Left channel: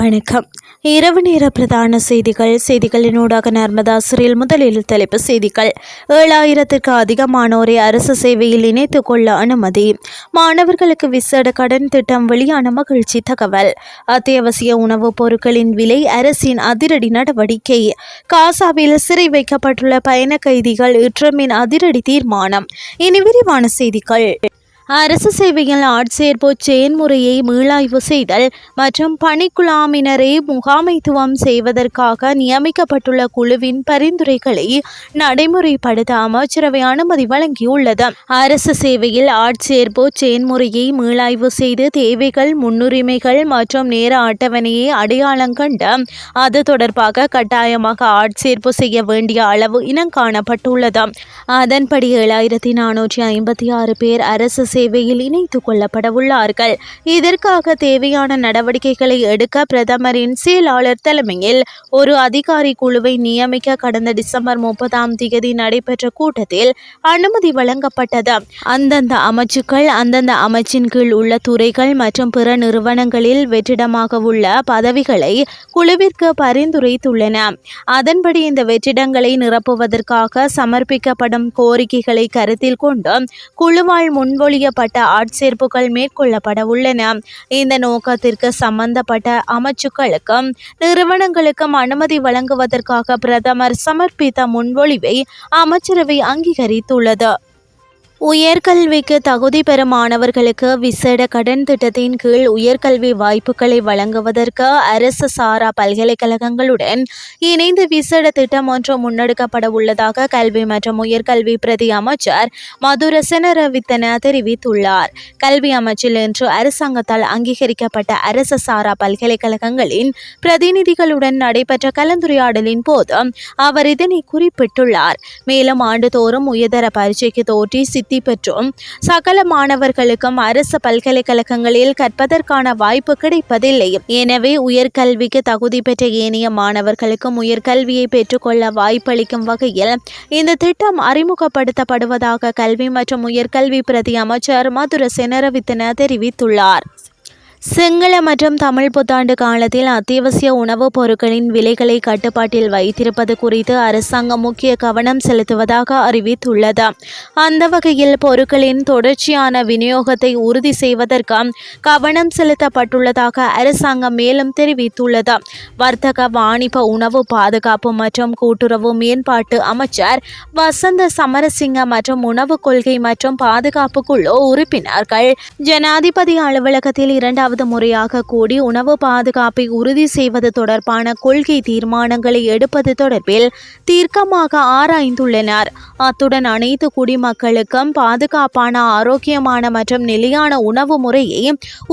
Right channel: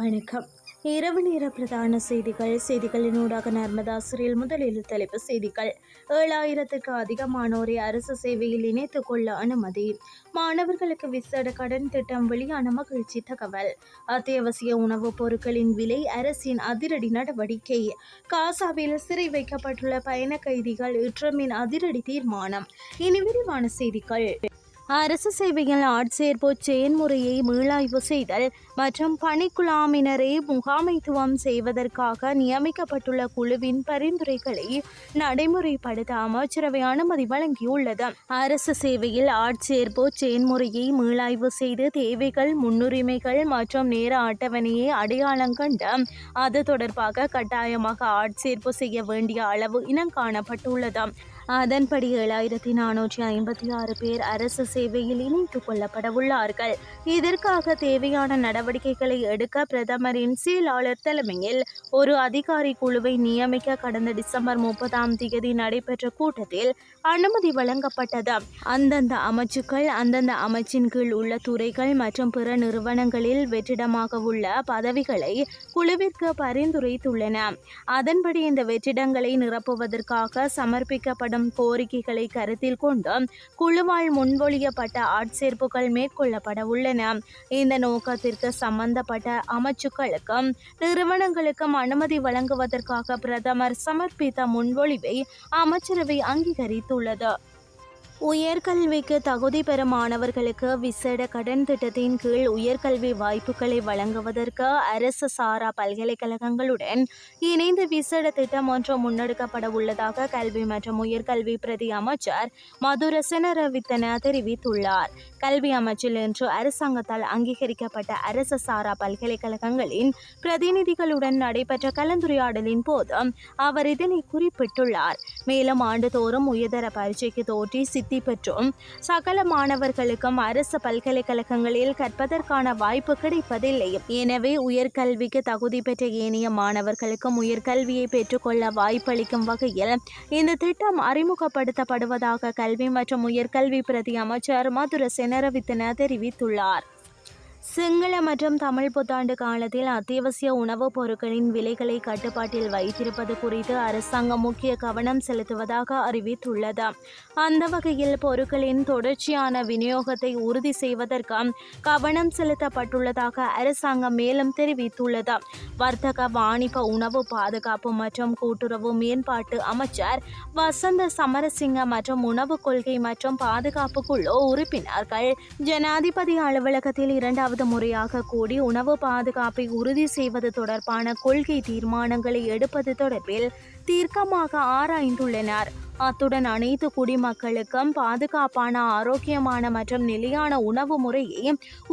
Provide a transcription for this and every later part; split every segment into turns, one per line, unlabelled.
வணக்கம். இரவு நேர பிரதான செய்திகள். செய்திகளினூடாக நர்மதா சிறையில் முதலில் தலைப்பு செய்திகள். ஏழாயிரத்திற்கு அதிகமானோரை அரசு சேவையில் இணைத்துக் கொள்ள அனுமதி. மாணவர்களுக்கு விசேட கடன் திட்டம் வெளியான மகிழ்ச்சி தகவல். அத்தியாவசிய உணவுப் பொருட்களின் விலை அரசின் அதிரடி நடவடிக்கை. காசாவில் சிறை வைக்கப்பட்டுள்ள பயண கைதிகள் இற்றமின் அதிரடி தீர்மானம். இனி விரிவான செய்திகள். அரசு சேவையில் ஆட்சேர்ப்பு செயன்முறையை மீளாய்வு செய்தல் மற்றும் பணிக்குழாமினரை முகாமைத்துவம் செய்வதற்காக நியமிக்கப்பட்டுள்ள குழுவின் பரிந்துரைகளை நடைமுறைப்படுத்த அமைச்சரவை அனுமதி வழங்கியுள்ளது. அரசு சேவையில் ஆட்சேர்ப்பு செயன்முறையை மீளாய்வு செய்து தேவைகள் முன்னுரிமைகள் மற்றும் நேர அட்டவணையை அடையாளம் கண்டு அது தொடர்பாக கட்டாயமாக ஆட்சேர்ப்பு செய்ய வேண்டிய அளவு இனம் காணப்பட்டுள்ளது. அதன்படி ஏழாயிரத்தி நானூற்றி ஐம்பத்தி ஆறு பேர் அரசு சேவையில் இணைத்துக் கொள்ளப்பட உள்ளார்கள். இதற்காக தேவையான நடவடிக்கைகளை எடுக்க பிரதமரின் செயலாளர் தலைமையில் ஒரு அதிகாரி குழுவை நியமிக்க கடந்த டிசம்பர் முப்பதாம் தேதி நடைபெற்ற கூட்டத்தில் அனுமதி வழங்கப்பட்டது. அந்தந்த அமைச்சுக்கள் அந்தந்த அமைச்சின் கீழ் உள்ள துறைகள் மற்றும் பிற நிறுவனங்களில் வெற்றிடமாக உள்ள பதவிகளை குழுவிற்கு பரிந்துரைத்துள்ளன. அதன்படி இந்த வெற்றிடங்களை நிரப்புவதற்காக சமர்ப்பிக்கப்படும் கோரிக்கைகளை கருத்தில் கொண்டு குழுவால் முன்மொழிய செய்யப்பட்ட ஆட்சேர்ப்புகள் மேற்கொள்ளப்பட உள்ளன. இந்த நோக்கத்திற்கு சம்பந்தப்பட்ட அமைச்சுக்களுக்கும் நிறுவனங்களுக்கும் அனுமதி வழங்குவதற்காக பிரதமர் சமர்ப்பித்த முன்மொழிவை அமைச்சரவை அங்கீகரித்துள்ளது. உயர்கல்விக்கு தகுதி பெறும் மாணவர்களுக்கு விசேட கடன் திட்டத்தின் கீழ் உயர்கல்வி வாய்ப்புகளை வழங்குவதற்கு அரசு சாரா பல்கலைக்கழகங்களுடன் இணைந்து விசேட திட்டம் ஒன்று முன்னெடுக்கப்பட உள்ளதாக கல்வி மற்றும் உயர்கல்வி பிரதி அமைச்சர் மதுர செனரவித்தன தெரிவித்துள்ளார். கல்வி அமைச்சில் இன்று அரசாங்கத்தால் அங்கீகரிக்கப்பட்ட அரசு சாரா பல்கலைக்கழகங்களின் பிரதிநிதிகளுடன் நடைபெற்ற கலந்துரையாடலின் போது அவர் இதனை குறிப்பிட்டுள்ளார். மேலும் ஆண்டுதோறும் உயர்தர பரீட்சைக்கு தோற்றி சித்தி பெற்றும். சகல மாணவர்களுக்கும் அரசு பல்கலைக்கழகங்களில் கற்பதற்கான வாய்ப்பு கிடைப்பதில்லை. எனவே உயர்கல்விக்கு தகுதி பெற்ற ஏனைய மாணவர்களுக்கும் உயர்கல்வியை பெற்றுக்கொள்ள வாய்ப்பளிக்கும் வகையில் இந்த திட்டம் அறிமுகப்படுத்தப்படுவதாக கல்வி மற்றும் உயர்கல்வி பிரதி அமைச்சர் மதுர செனரவித்தன தெரிவித்துள்ளார். சிங்கள மற்றும் தமிழ் புத்தாண்டு காலத்தில் அத்தியாவசிய உணவுப் பொருட்களின் விலைகளை கட்டுப்பாட்டில் வைத்திருப்பது குறித்து அரசாங்கம் முக்கிய கவனம் செலுத்துவதாக அறிவித்துள்ளது. அந்த வகையில் பொருட்களின் தொடர்ச்சியான விநியோகத்தை உறுதி செய்வதற்கு கவனம் செலுத்தப்பட்டுள்ளதாக அரசாங்கம் மேலும் தெரிவித்துள்ளது. வர்த்தக வாணிப உணவு பாதுகாப்பு மற்றும் கூட்டுறவு மேம்பாட்டு அமைச்சர் வசந்த சமரசிங்க மற்றும் உணவு கொள்கை மற்றும் பாதுகாப்பு குழு உறுப்பினர்கள் ஜனாதிபதி அலுவலகத்தில் இரண்டாவது மூன்றாவது முறையாக கூடி உணவு பாதுகாப்பை உறுதி செய்வது தொடர்பான கொள்கை தீர்மானங்களை எடுப்பது தொடர்பில் தீர்க்கமாக ஆராய்ந்துள்ளனர். அத்துடன் அனைத்து குடிமக்களுக்கும் பாதுகாப்பான ஆரோக்கியமான மற்றும் நிலையான உணவு முறையை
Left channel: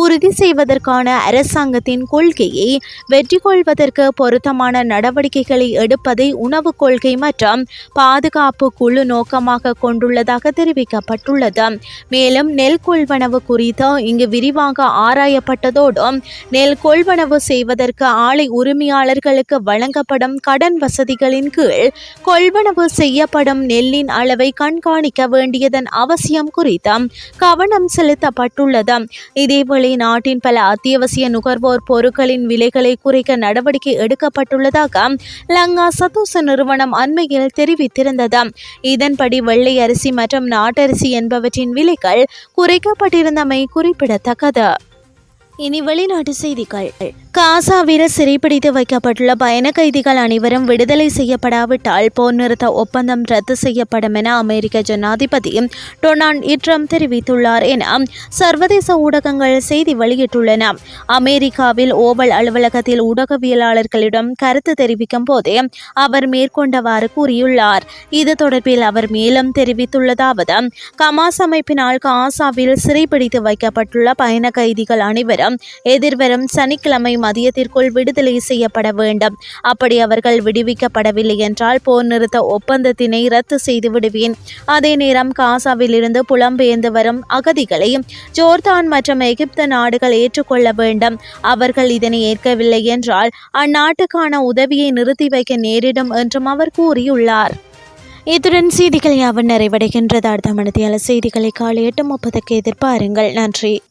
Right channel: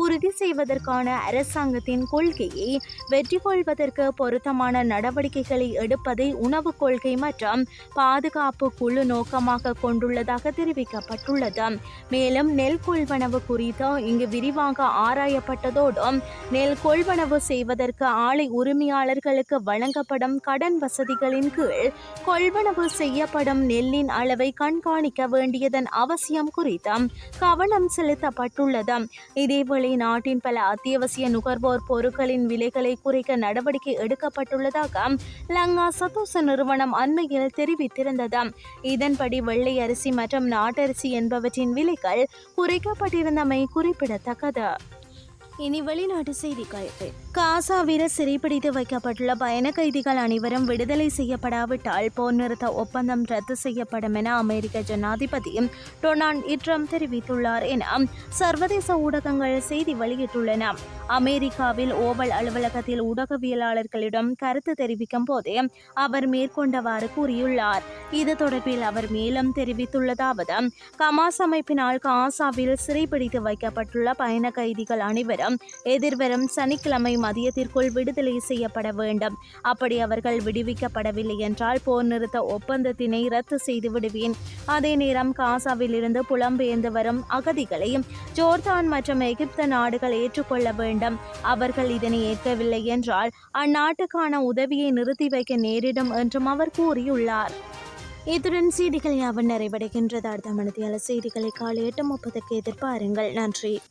உறுதி செய்வதற்கான அரசாங்கத்தின் கொள்கையை வெற்றி கொள்வதற்கு பொருத்தமான நடவடிக்கைகளை எடுப்பதை உணவு கொள்கை மற்றும் பாதுகாப்பு குழு நோக்கமாக கொண்டுள்ளதாக தெரிவிக்கப்பட்டுள்ளது. மேலும் நெல் கொள்வனவு குறித்து இங்கு விரிவாக ஆராய வழங்கப்பட்டதோடு நெல் கொள்வனவு செய்வதற்கு ஆலை உரிமையாளர்களுக்கு வழங்கப்படும் கடன் வசதிகளின் கீழ் கொள்வனவு செய்யப்படும் நெல்லின் அளவை கண்காணிக்க வேண்டியதன் அவசியம் குறித்து கவனம் செலுத்தப்பட்டுள்ளது. இதேவேளை நாட்டின் பல அத்தியாவசிய நுகர்வோர் பொருட்களின் விலைகளை குறைக்க நடவடிக்கை எடுக்கப்பட்டுள்ளதாக லங்கா சதோச நிறுவனம் அண்மையில் தெரிவித்திருந்தது. இதன்படி வெள்ளை அரிசி மற்றும் நாட்டரிசி என்பவற்றின் விலைகள் குறைக்கப்பட்டிருந்தமை குறிப்பிடத்தக்கது. இனி வெளிநாட்டு செய்திகள். காசாவில் சிறைப்பிடித்து வைக்கப்பட்டுள்ள பயண கைதிகள் அனைவரும் விடுதலை செய்யப்படாவிட்டால் போர் நிறுத்த ஒப்பந்தம் ரத்து செய்யப்படும் என அமெரிக்க ஜனாதிபதி டொனால்ட் இட்ரம் தெரிவித்துள்ளார் என சர்வதேச ஊடகங்கள் செய்தி வெளியிட்டுள்ளன. அமெரிக்காவில் ஓவல் அலுவலகத்தில் ஊடகவியலாளர்களிடம் கருத்து தெரிவிக்கும் போதே அவர் மேற்கொண்டவாறு கூறியுள்ளார். இது தொடர்பில் அவர் மேலும் தெரிவித்துள்ளதாவது கமாஸ் அமைப்பினால் காசாவில் சிறைப்பிடித்து வைக்கப்பட்டுள்ள பயண கைதிகள் அனைவரும் எதிர்வரும் சனிக்கிழமை மதியத்திற்குள் விடுதலை செய்யப்பட வேண்டும். அப்படி அவர்கள் விடுவிக்கப்படவில்லை என்றால் போர் நிறுத்த ஒப்பந்தத்தினை ரத்து செய்து விடுவேன். அதே நேரம் காசாவிலிருந்து புலம்பெயர்ந்து வரும் அகதிகளை ஜோர்தான் மற்றும் எகிப்து நாடுகள் ஏற்றுக்கொள்ள வேண்டும். அவர்கள் இதனை ஏற்கவில்லை என்றால் அந்நாட்டுக்கான உதவியை நிறுத்தி வைக்க நேரிடும் என்றும் அவர் கூறியுள்ளார். இத்துடன் செய்திகள் யாவும் நிறைவடைகின்றது. அடுத்த மனதியால் செய்திகளை காலை எட்டு முப்பதுக்கு எதிர்பாருங்கள். நன்றி.